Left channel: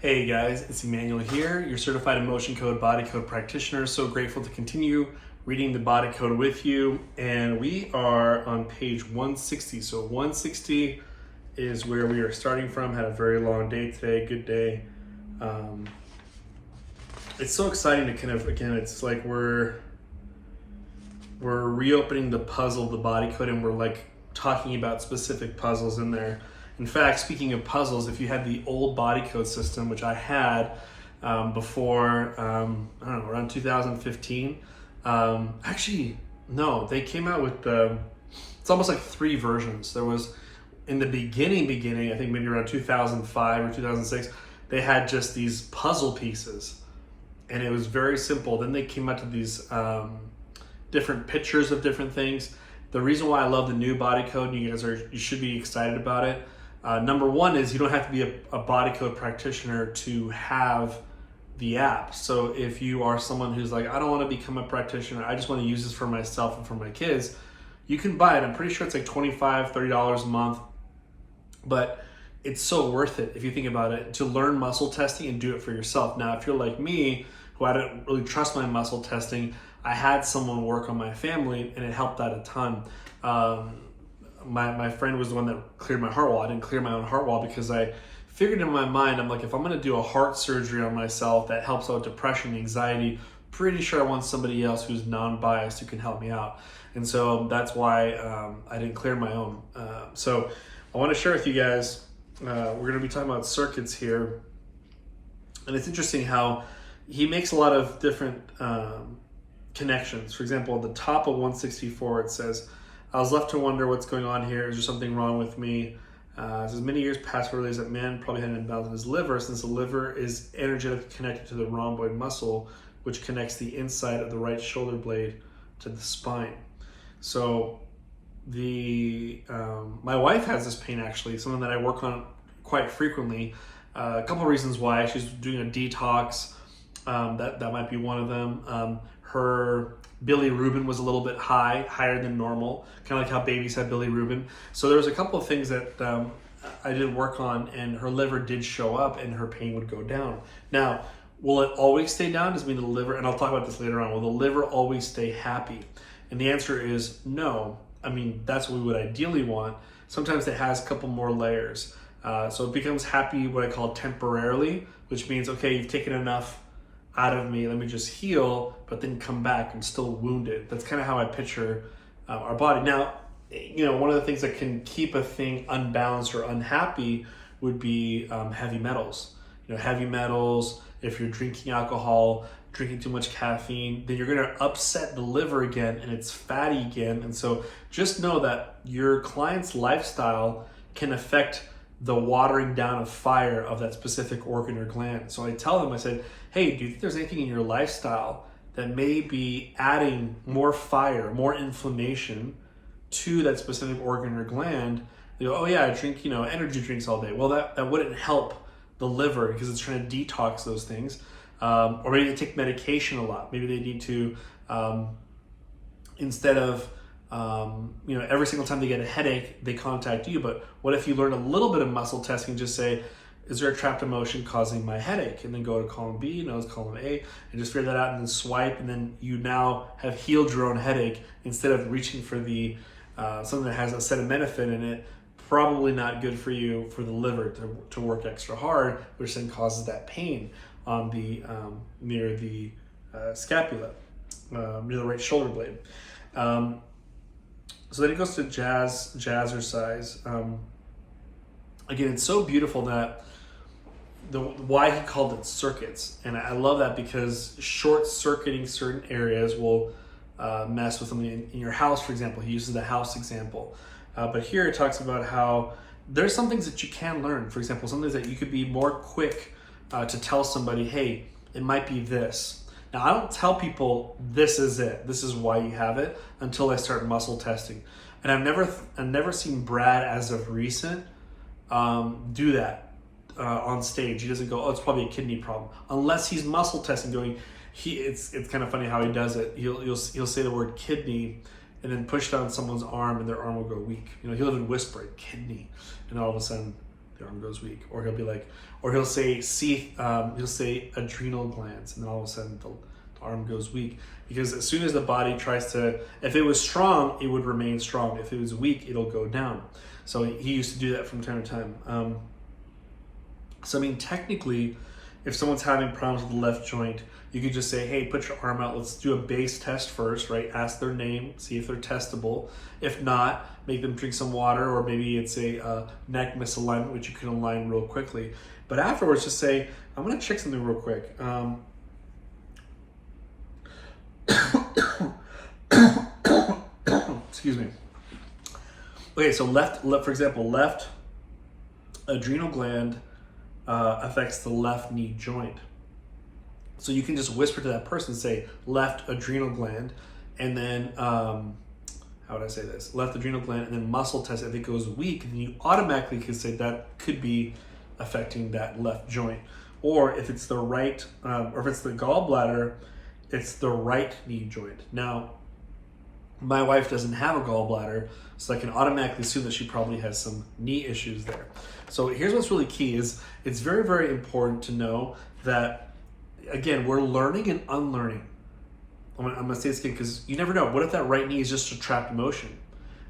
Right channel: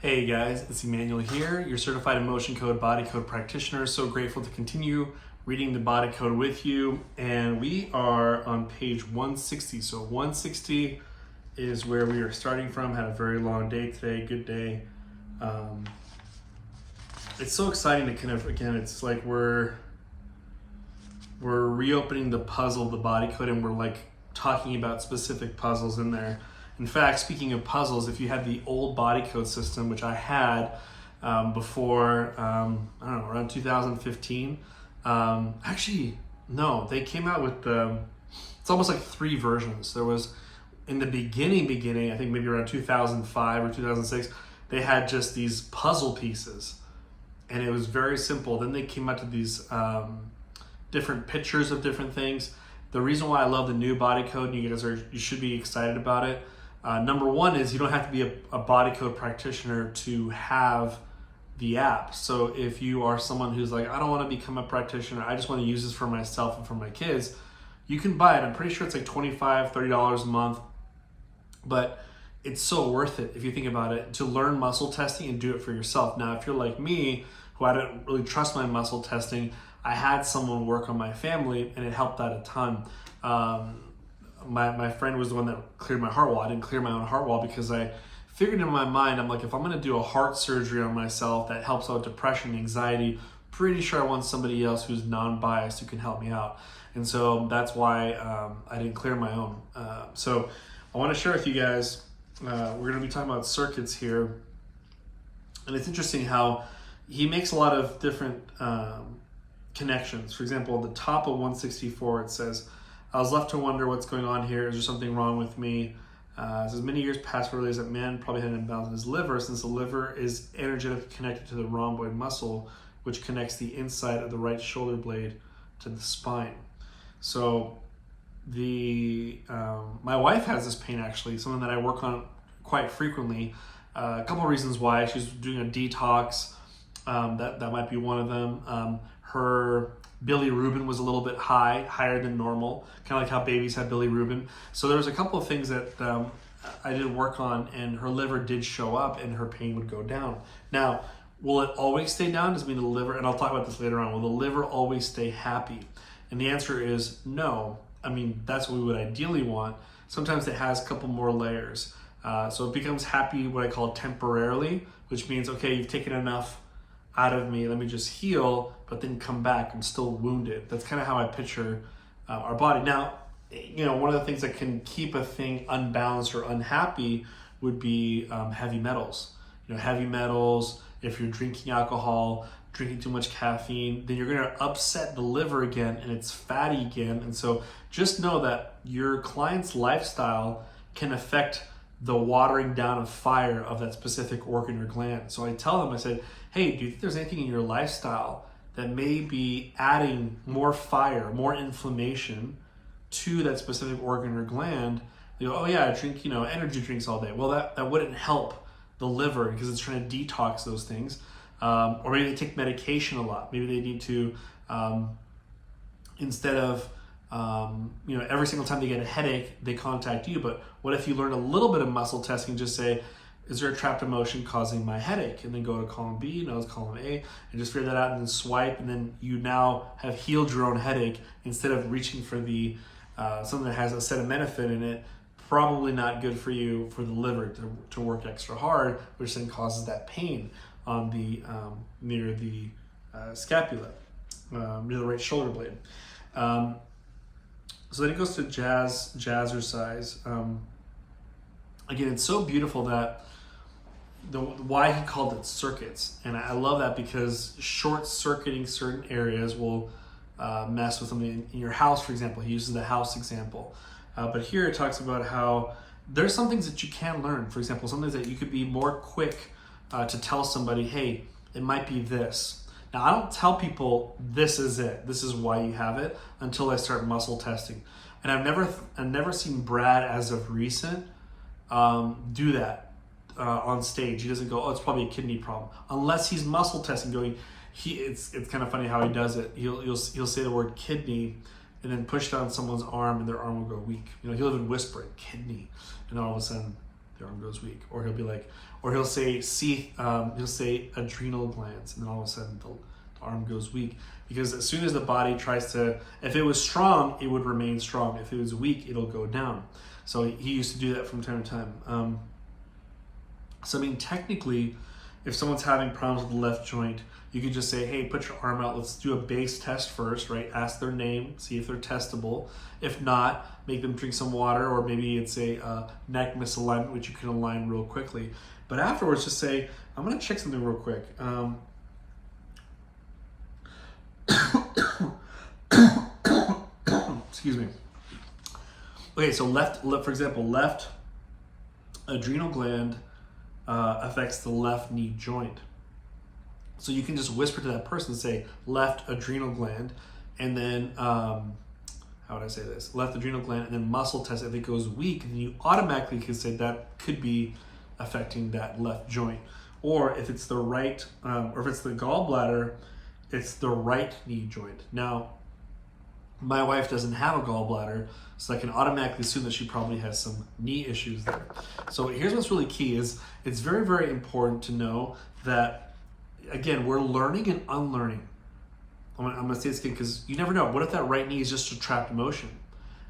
Hey guys, it's Emanuel here, your certified emotion code body code practitioner. So grateful to continue reading the body code with you. And we are on page 160. So 160 is where we are starting from. Had a very long day today, good day. It's so exciting to kind of, again, it's like we're reopening the puzzle of the body code, and we're like talking about specific puzzles in there. In fact, speaking of puzzles, if you had the old body code system, which I had before, I don't know, around 2015. Actually, no, they came out with it's almost like 3 versions. There was, in the beginning, I think maybe around 2005 or 2006, they had just these puzzle pieces, and it was very simple. Then they came out to these different pictures of different things. The reason why I love the new body code, you should be excited about it. Number one is you don't have to be a body code practitioner to have the app. So if you are someone who's like, I don't want to become a practitioner, I just want to use this for myself and for my kids, you can buy it. I'm pretty sure it's like $25, $30 a month, but it's so worth it if you think about it, to learn muscle testing and do it for yourself. Now, if you're like me, who I don't really trust my muscle testing, I had someone work on my family and it helped out a ton. My friend was the one that cleared my heart wall. I didn't clear my own heart wall because I figured in my mind, I'm like, if I'm going to do a heart surgery on myself that helps out depression, anxiety, pretty sure I want somebody else who's non-biased who can help me out. And so that's why I didn't clear my own. So I want to share with you guys, we're going to be talking about circuits here. And it's interesting how he makes a lot of different connections. For example, at the top of 164, it says, I was left to wonder what's going on here. Is there something wrong with me? It says, many years passed where realized that man probably had an imbalance in his liver, since the liver is energetically connected to the rhomboid muscle, which connects the inside of the right shoulder blade to the spine. So my wife has this pain, actually, something that I work on quite frequently. A couple of reasons why. She's doing a detox. That might be one of them. Her bilirubin was a little bit higher than normal, kind of like how babies have bilirubin. So there was a couple of things that I did work on, and her liver did show up and her pain would go down. Now, will it always stay down? Does it mean the liver, and I'll talk about this later on, will the liver always stay happy? And the answer is no. I mean, that's what we would ideally want. Sometimes it has a couple more layers. So it becomes happy, what I call temporarily, which means, okay, you've taken enough out of me, let me just heal, but then come back, I'm still wounded. That's kind of how I picture our body. Now, one of the things that can keep a thing unbalanced or unhappy would be heavy metals. Heavy metals, if you're drinking alcohol, drinking too much caffeine, then you're gonna upset the liver again and it's fatty again. And so just know that your client's lifestyle can affect the watering down of fire of that specific organ or gland. So I tell them, I said, hey, do you think there's anything in your lifestyle that may be adding more fire, more inflammation to that specific organ or gland? They go, oh yeah, I drink, energy drinks all day. Well, that wouldn't help the liver because it's trying to detox those things. Or maybe they take medication a lot. Maybe they need to, instead of, every single time they get a headache, they contact you. But what if you learn a little bit of muscle testing, just say, is there a trapped emotion causing my headache? And then go to column B, column A, and just figure that out and then swipe. And then you now have healed your own headache instead of reaching for the something that has acetaminophen in it. Probably not good for you, for the liver to work extra hard, which then causes that pain on the near the scapula, near the right shoulder blade. So then it goes to jazzercise. Again, it's so beautiful that why he called it circuits. And I love that because short-circuiting certain areas will mess with something in your house, for example. He uses the house example. But here it talks about how there's some things that you can learn. For example, some things that you could be more quick to tell somebody, hey, it might be this. Now, I don't tell people this is it, this is why you have it, until I start muscle testing. And I've never seen Brad, as of recent, do that on stage. He doesn't go, oh, it's probably a kidney problem, unless he's muscle testing. It's kind of funny how he does it. He'll say the word kidney, and then push down someone's arm, and their arm will go weak. He'll even whisper it, kidney, and all of a sudden the arm goes weak. Or he'll be like, or he'll say adrenal glands, and then all of a sudden the arm goes weak. Because as soon as the body tries to, if it was strong, it would remain strong. If it was weak, it'll go down. So he used to do that from time to time. So I mean, technically, if someone's having problems with the left joint, you could just say, hey, put your arm out. Let's do a base test first, right? Ask their name, see if they're testable. If not, make them drink some water, or maybe it's a neck misalignment, which you can align real quickly. But afterwards, just say, I'm going to check something real quick. Excuse me. Okay, so left, for example, left adrenal gland affects the left knee joint. So you can just whisper to that person, say left adrenal gland, and then how would I say this? Left adrenal gland, and then muscle test. If it goes weak, then you automatically can say that could be affecting that left joint. Or if it's the right, or if it's the gallbladder, it's the right knee joint. Now, my wife doesn't have a gallbladder, so I can automatically assume that she probably has some knee issues there. So here's what's really key is it's very, very important to know that, again, we're learning and unlearning. I'm gonna say this again because you never know. What if that right knee is just a trapped emotion?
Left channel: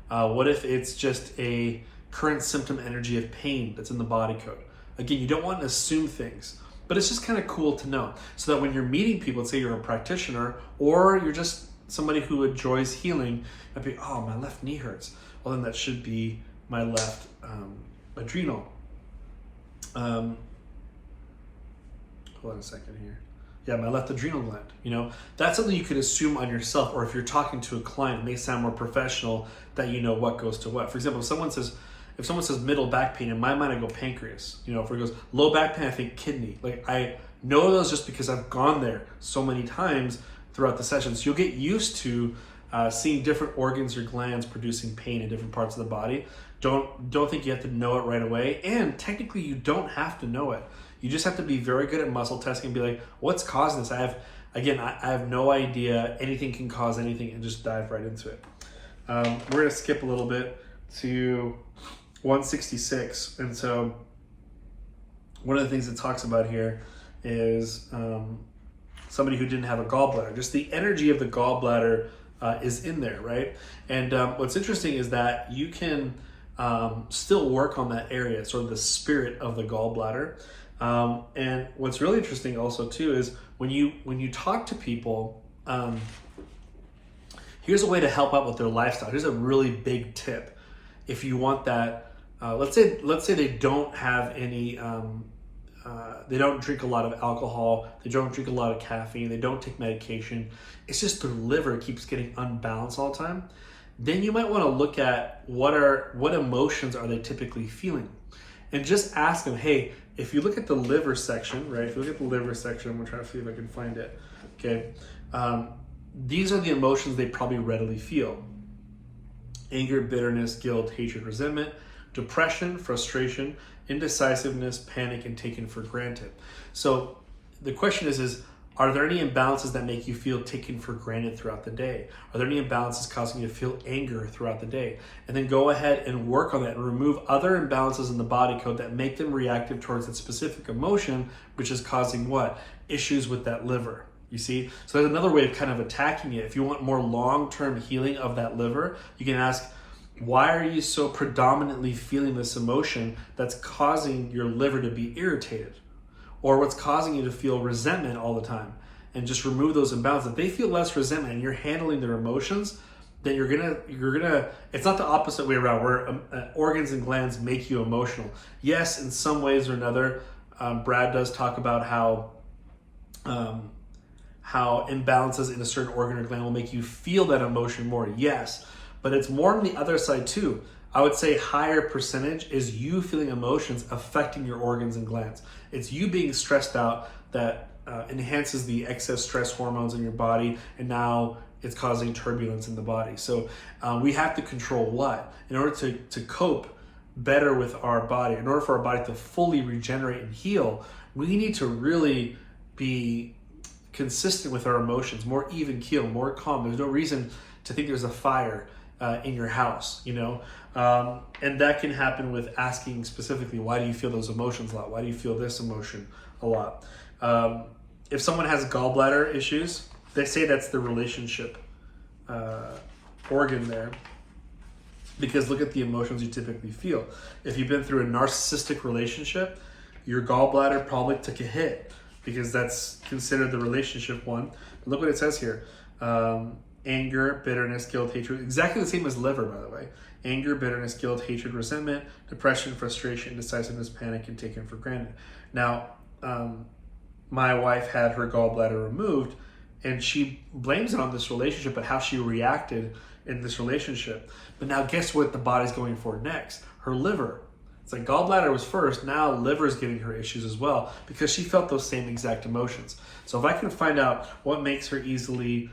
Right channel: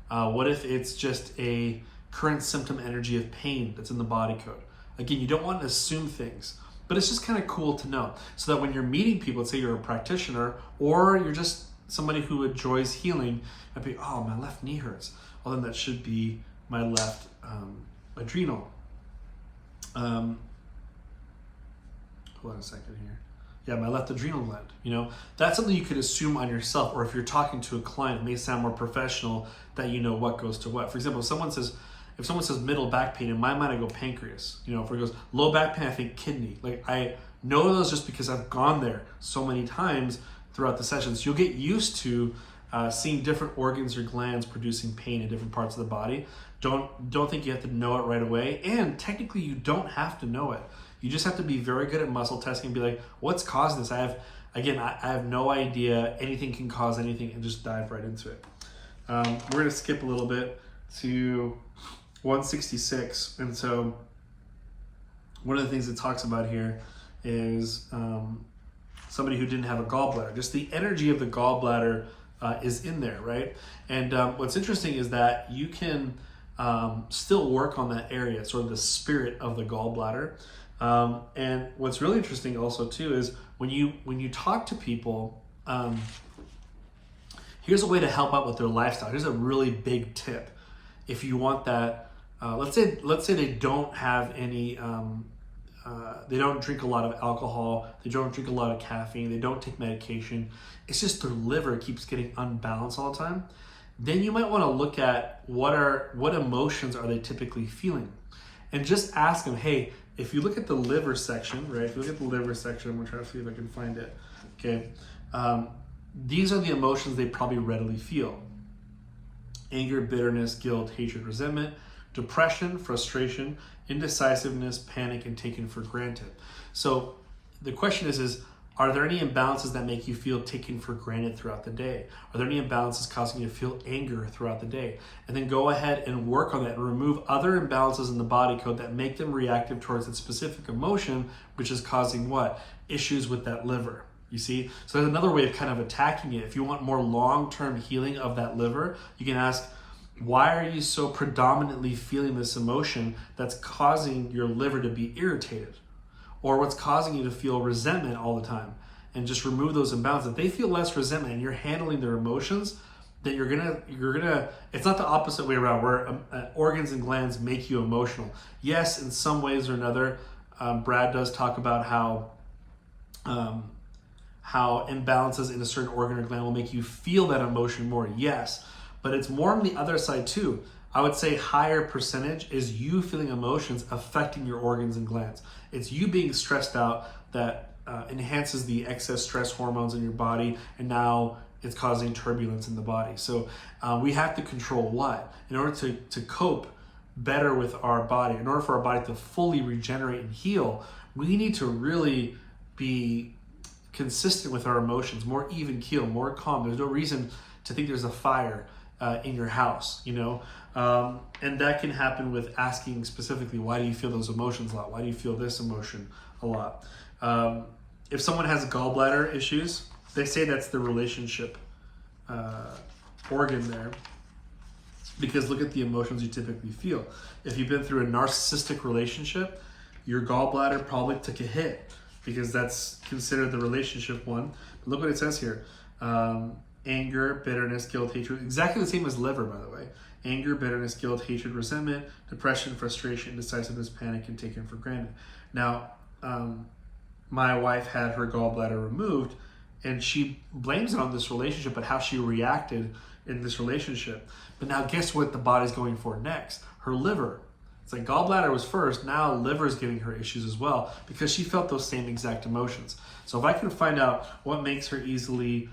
What if it's just a current symptom energy of pain that's in the body code? Again, you don't want to assume things, but it's just kind of cool to know so that when you're meeting people, let's say you're a practitioner or you're just somebody who enjoys healing, I'd be, oh, my left knee hurts. Well, then that should be my left adrenal. Hold on a second here. Yeah, my left adrenal gland. You know, that's something you could assume on yourself, or if you're talking to a client, it may sound more professional that you know what goes to what. For example, if someone says middle back pain, in my mind I go pancreas. You know, if it goes low back pain, I think kidney. Like I know those just because I've gone there so many times throughout the sessions. You'll get used to seeing different organs or glands producing pain in different parts of the body. Don't think you have to know it right away, and technically you don't have to know it. You just have to be very good at muscle testing and be like, what's causing this? I have no idea. Anything can cause anything, and just dive right into it. We're gonna skip a little bit to 166, and so one of the things it talks about here is somebody who didn't have a gallbladder. Just the energy of the gallbladder is in there, right? And what's interesting is that you can still work on that area, sort of the spirit of the gallbladder. And what's really interesting also too is when you talk to people, here's a way to help out with their lifestyle. Here's a really big tip. If you want that, let's say they don't have any, they don't drink a lot of alcohol, they don't drink a lot of caffeine, they don't take medication. It's just their liver keeps getting unbalanced all the time. Then you might want to look at what emotions are they typically feeling, and just ask them, hey, if you look at the liver section, right? If you look at the liver section, I'm gonna try to see if I can find it. Okay, these are the emotions they probably readily feel: anger, bitterness, guilt, hatred, resentment, depression, frustration, indecisiveness, panic, and taken for granted. So the question is are there any imbalances that make you feel taken for granted throughout the day? Are there any imbalances causing you to feel anger throughout the day? And then go ahead and work on that and remove other imbalances in the body code that make them reactive towards that specific emotion, which is causing what? Issues with that liver. You see? So there's another way of kind of attacking it. If you want more long-term healing of that liver, you can ask, why are you so predominantly feeling this emotion that's causing your liver to be irritated? Or what's causing you to feel resentment all the time? And just remove those imbalances. If they feel less resentment and you're handling their emotions, then you're gonna, it's not the opposite way around where organs and glands make you emotional. Yes, in some ways or another, Brad does talk about how imbalances in a certain organ or gland will make you feel that emotion more. Yes, but it's more on the other side too. I would say higher percentage is you feeling emotions affecting your organs and glands. It's you being stressed out that enhances the excess stress hormones in your body, and now it's causing turbulence in the body. So we have to control what? In order to cope better with our body, in order for our body to fully regenerate and heal, we need to really be consistent with our emotions, more even keel, more calm. There's no reason to think there's a fire in your house, you know? And that can happen with asking specifically, why do you feel those emotions a lot? Why do you feel this emotion a lot? If someone has gallbladder issues, they say that's the relationship organ there, because look at the emotions you typically feel. If you've been through a narcissistic relationship, your gallbladder probably took a hit, because that's considered the relationship one. But look what it says here. Anger, bitterness, guilt, hatred. Exactly the same as liver, by the way. Anger, bitterness, guilt, hatred, resentment, depression, frustration, indecisiveness, panic, and taken for granted. Now, my wife had her gallbladder removed, and she blames it on this relationship, but how she reacted in this relationship. But now guess what the body's going for next? Her liver. It's like gallbladder was first, now liver is giving her issues as well, because she felt those same exact emotions. So if I can find out what makes her easily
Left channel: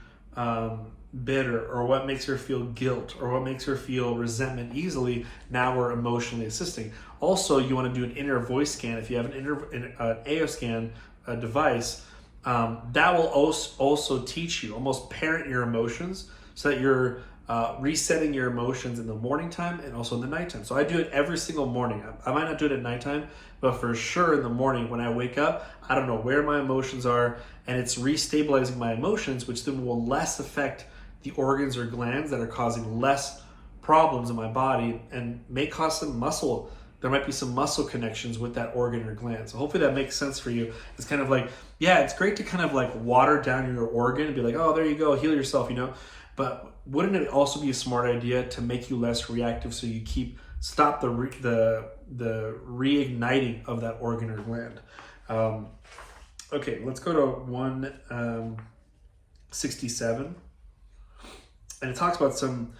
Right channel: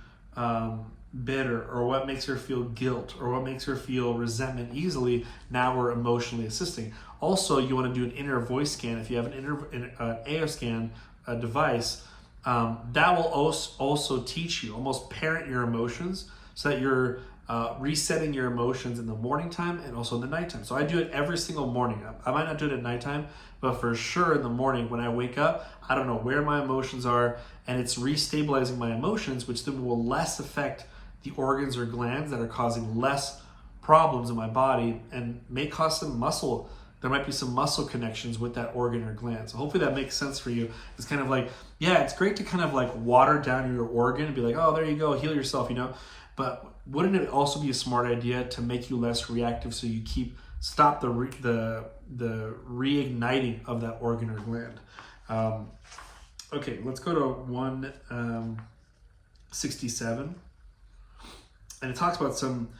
bitter, or what makes her feel guilt, or what makes her feel resentment easily, now we're emotionally assisting. Also, you want to do an inner voice scan. If you have an AO scan device, that will also teach you, almost parent your emotions, so that you're resetting your emotions in the morning time and also in the nighttime. So I do it every single morning. I might not do it at nighttime, but for sure in the morning when I wake up, I don't know where my emotions are, and it's restabilizing my emotions, which then will less affect the organs or glands that are causing less problems in my body, and may cause some muscle. There might be some muscle connections with that organ or gland. So hopefully that makes sense for you. It's kind of like, yeah, it's great to kind of like water down your organ and be like, oh, there you go, heal yourself, you know. But wouldn't it also be a smart idea to make you less reactive, so you stop the reigniting of that organ or gland? Okay, let's go to 167. And it talks about some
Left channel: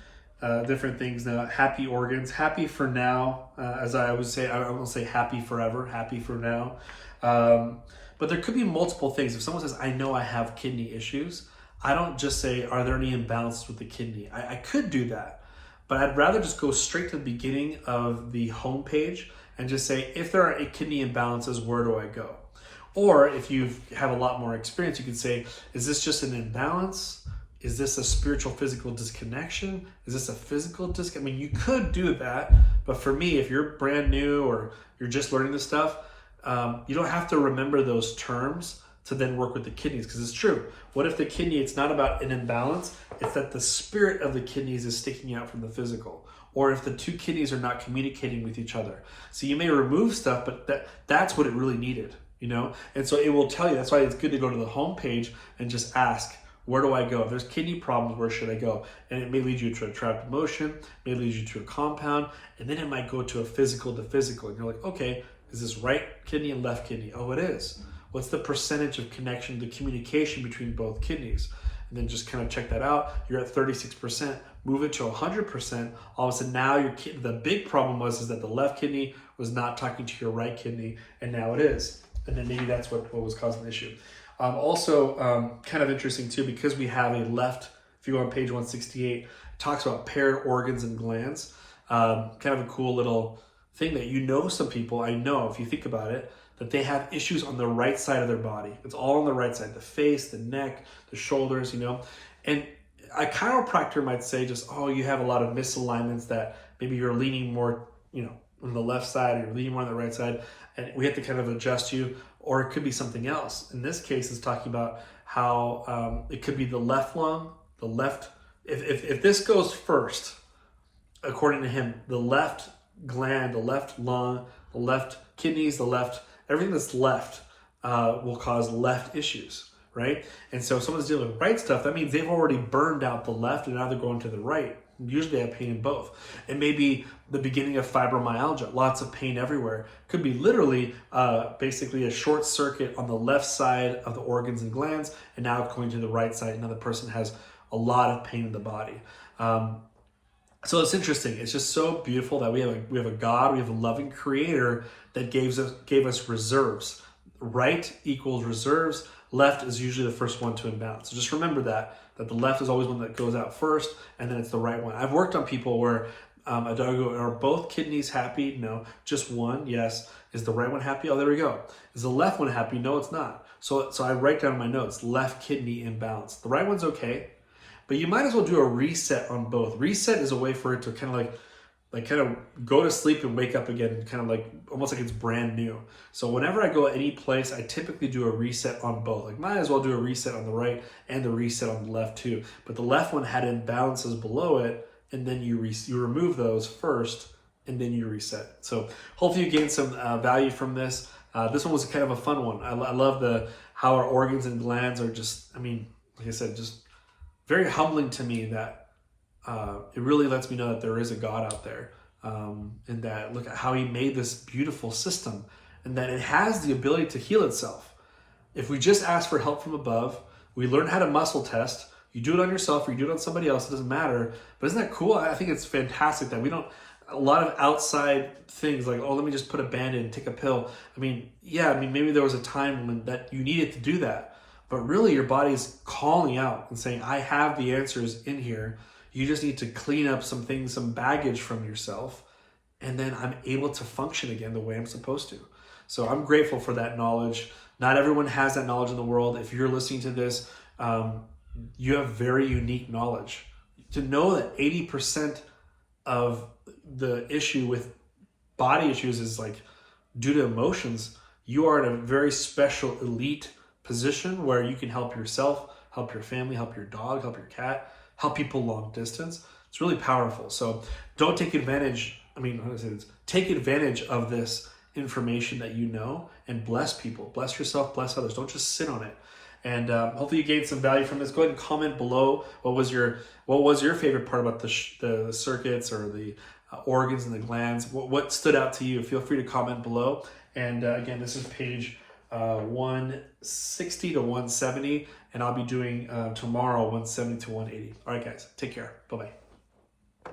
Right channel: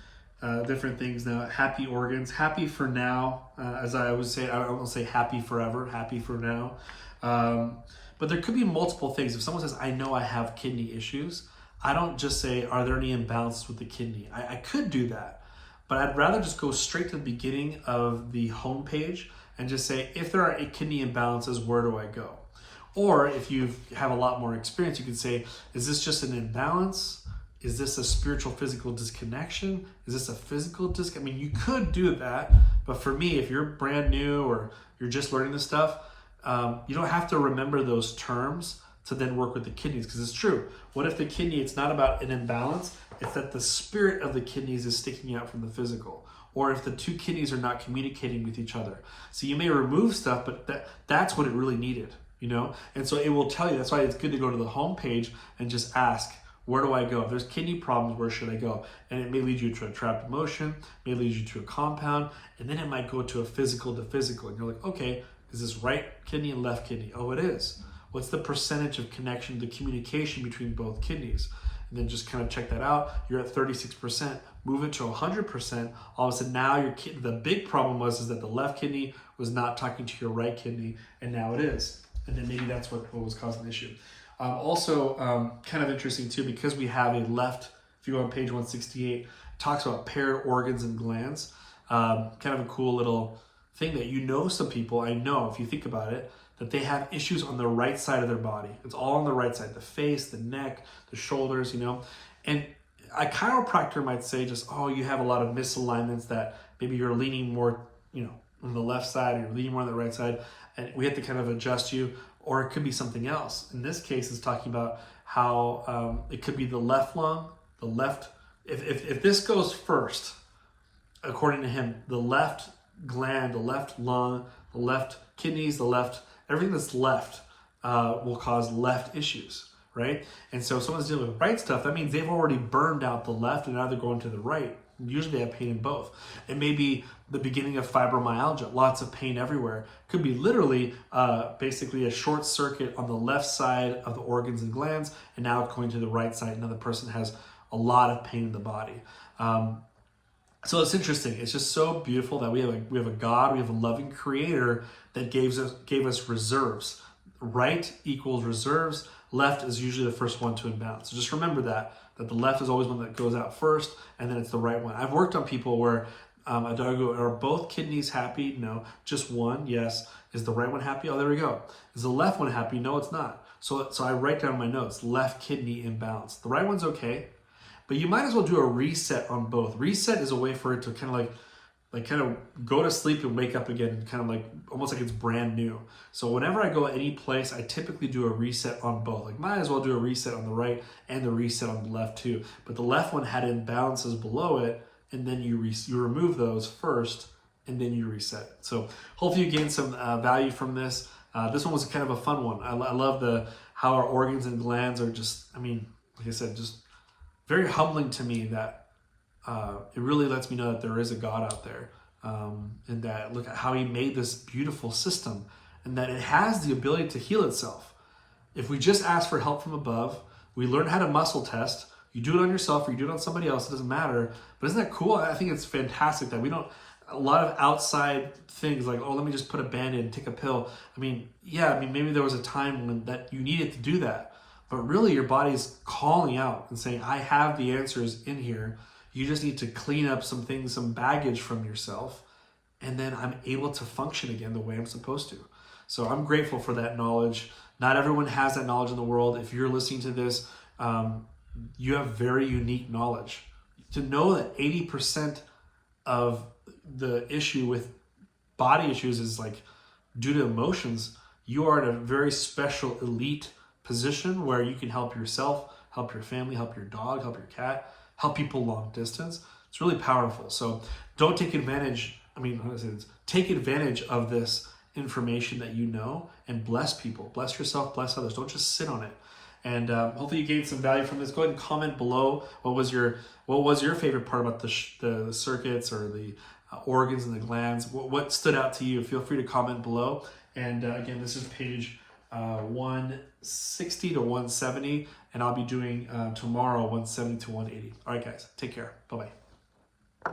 different things now. Happy organs, happy for now, as I would say. I don't say happy forever, happy for now. But there could be multiple things. If someone says, I know I have kidney issues, I don't just say, are there any imbalances with the kidney? I could do that, but I'd rather just go straight to the beginning of the homepage and just say, if there are kidney imbalances, where do I go? Or if you have a lot more experience, you can say, is this just an imbalance? Is this a spiritual physical disconnection? Is this a physical I mean, you could do that, but for me, if you're brand new or you're just learning this stuff, you don't have to remember those terms to then work with the kidneys, because it's true. What if the kidney, it's not about an imbalance, it's that the spirit of the kidneys is sticking out from the physical, or if the two kidneys are not communicating with each other. So you may remove stuff, but that's what it really needed, you know? And so it will tell you. That's why it's good to go to the home page and just ask, where do I go? If there's kidney problems, where should I go? And it may lead you to a trapped emotion, may lead you to a compound, and then it might go to a physical to physical. And you're like, okay, is this right kidney and left kidney? Oh, it is. What's the percentage of connection, the communication between both kidneys? And then just kind of check that out. You're at 36%, move it to 100%. All of a sudden now the big problem is that the left kidney was not talking to your right kidney, and now it is. And then maybe that's what was causing the issue. Also, kind of interesting too, because we have a left, if you go on page 168, it talks about paired organs and glands. Kind of a cool little thing that, you know, some people, I know if you think about it, that they have issues on the right side of their body. It's all on the right side, the face, the neck, the shoulders, you know. And a chiropractor might say just, oh, you have a lot of misalignments, that maybe you're leaning more, you know, on the left side, or you're leaning more on the right side, and we have to kind of adjust you. Or it could be something else. In this case, it's talking about how it could be the left lung, the left, if this goes first, according to him, the left gland, the left lung, the left kidneys, the left, everything that's left will cause left issues, right? And so if someone's dealing with right stuff, that means they've already burned out the left and now they're going to the right. Usually they have pain in both. It may be the beginning of fibromyalgia, lots of pain everywhere. Could be literally basically a short circuit on the left side of the organs and glands, and now it's going to the right side. Another person has a lot of pain in the body. So it's interesting. It's just so beautiful that we have a God, we have a loving creator that gave us reserves. Right equals reserves. Left is usually the first one to imbalance. So just remember that the left is always one that goes out first, and then it's the right one. I've worked on people where I go, are both kidneys happy? No. Just one? Yes. Is the right one happy? Oh, there we go. Is the left one happy? No, it's not. So I write down in my notes, left kidney imbalance. The right one's okay, but you might as well do a reset on both. Reset is a way for it to kind of like kind of go to sleep and wake up again, kind of like almost like it's brand new. So whenever I go any place, I typically do a reset on both. Like might as well do a reset on the right and the reset on the left too. But the left one had imbalances below it, and then you remove those first, and then you reset. So hopefully you gain some value from this. This one was kind of a fun one. I love how our organs and glands are just, I mean, like I said, just very humbling to me that it really lets me know that there is a God out there, and that look at how he made this beautiful system, and that it has the ability to heal itself. If we just ask for help from above, we learn how to muscle test. You do it on yourself or you do it on somebody else, it doesn't matter. But isn't that cool? I think it's fantastic that we don't, a lot of outside things like, oh, let me just put a Band-Aid and take a pill. I mean, yeah, I mean, maybe there was a time when that you needed to do that, but really your body is calling out and saying, I have the answers in here. You just need to clean up some things, some baggage from yourself, and then I'm able to function again the way I'm supposed to. So I'm grateful for that knowledge. Not everyone has that knowledge in the world. If you're listening to this, you have very unique knowledge. To know that 80% of the issue with body issues is like due to emotions, you are in a very special elite position where you can help yourself, help your family, help your dog, help your cat, help people long distance. It's really powerful. So don't take advantage. Take advantage of this information that you know and bless people, bless yourself, bless others. Don't just sit on it. And hopefully you gained some value from this. Go ahead and comment below. What was your favorite part about the circuits or the organs and the glands? What stood out to you? Feel free to comment below. And again, this is page 160 to 170, and I'll be doing tomorrow 170 to 180. All right, guys, take care. Bye-bye.